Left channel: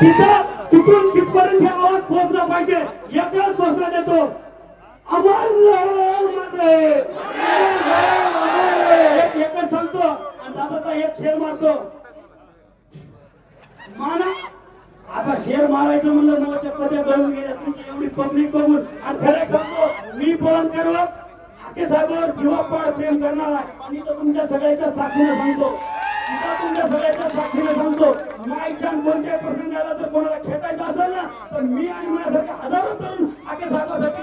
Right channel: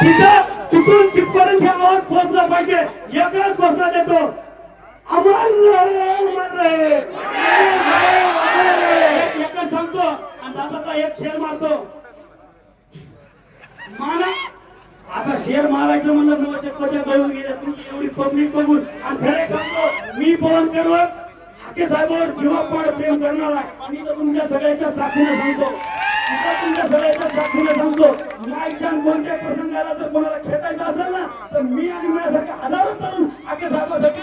तिथं तिथून तिथपर्यंत हे आवाज पोहोचला पाहिजे. एकच घोषणा देतो. अमर एकच सांगतो आणि दादाचा एक शेर मारतो. माना आता शेर मारायचं म्हणलं नवच्या पट्या करून गेल्या तुमची एवढी पब्लिक बघून. आणि खरे सांगतो मी पवन करवर हाके साहेबांवर जीवापाड प्रेम करणार आहे. आणि इथं तुमच्या सगळ्याच्या साक्षीने सांगतो. आता तुमच्या सगळ्याच्या साक्षीला सांगतो माईच्या प्रसंग प्रसंगाला जर कोणाला खेळायचं असेल ना तर मी आणि माझ्यासारखे हजारो तरुण आगे साहेबासाठी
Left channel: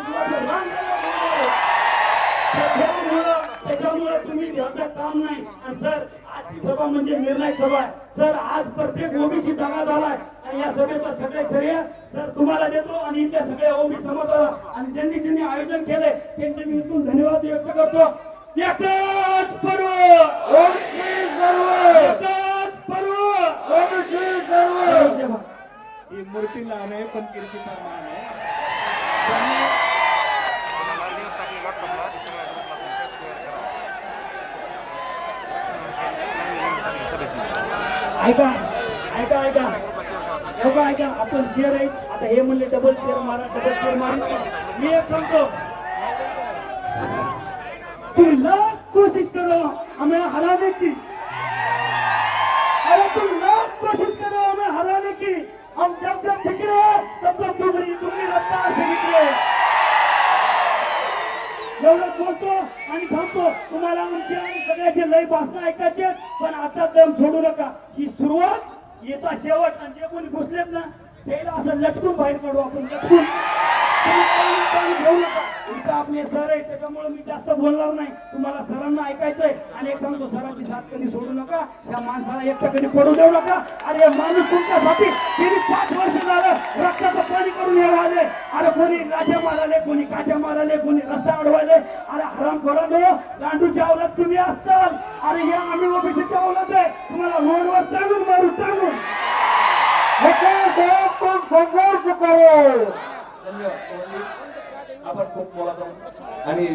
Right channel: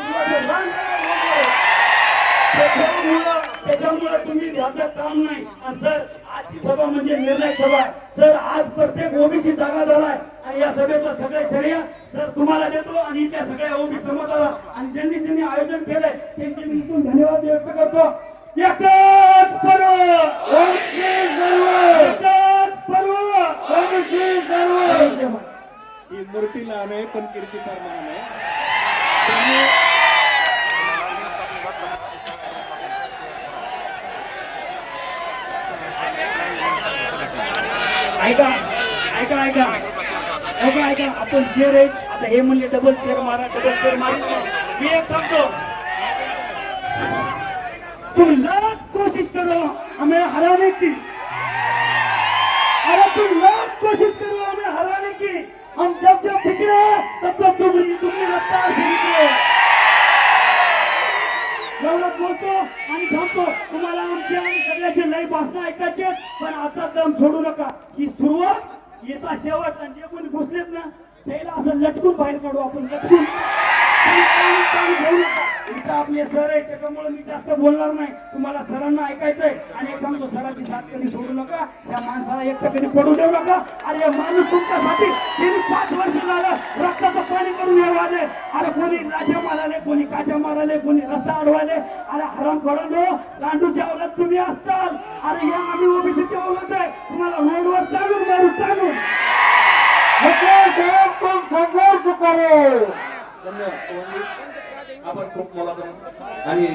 त्याच्यामुळं त्याच्यामुळं तुम्ही घ्यायचं काम नाही. आणि सर आजची सभा म्हणजे निर्णय सभा. आहे. सर आज प्रत्येक ओबीसी जागा झालाय. आणि या सभेचा सगळे श्रेय सर तुम्हाला देतो आणि इथल्या सगळ्या ओबीसी समाजाला. आणि ज्यांनी ज्यांनी आयोजन केलंय त्यांचे मी धन्यवाद व्यक्त करतो. एकच पर्व ओबीसी सर्व ही मूर्ती लहान आहे पण कीर्ती फार महान आहे. ऐका ऐका ऐका. ऐका ऐका. आपण शेअर आहे आता हे म्हणले डबल शेअर मारा डबल शेअर मारा. मी एक सांगतो. तुम लाख कोशिश करो हमें हराने की अरे तुम लाख कोशिश करो हमें हराने की हम जब जब निकले तब तब तुम्हारी तुम्ही रफ्तार से निकले एवढं बोलतो आणि थांबतो. तुम्हाला आमचे आणि सगळ्याचे लय भाषण ऐकायचे पण आता दम सोडू नका. ही सुरुवात येता शेवट आणि जे कोणी घुसलेत ना त्याला असं लटकून बाहेर काढू आपण लटकून. घेऊ नका. इथं आपले सर आहे त्याच्यामुळे मी जास्त बोलणार नाही तुम्हाला सरांना ऐकायचंय आणि एक सांगतो सरांची साथ कधी सोडू नका त्या माणसाला एकटा कधी पडू देऊ नका आणि हे माणूस तुमच्यासाठी तिने पाच वर्ष झालं रक्ताचं पाणी करून यायला आले अरे कोणी लाठ्या माराले कोणी काट्या माराले कोणी रस्ता अडवायले अरे हराम करून गांडूच्या अवलाद तुम्ही असताल अरे हे आम्ही ओबीसीच्या अवलाद आहे तुम्हाला रोडवर चालून मारू चालून संघर्ष करो धन्यवाद आपण खूप बोला आणि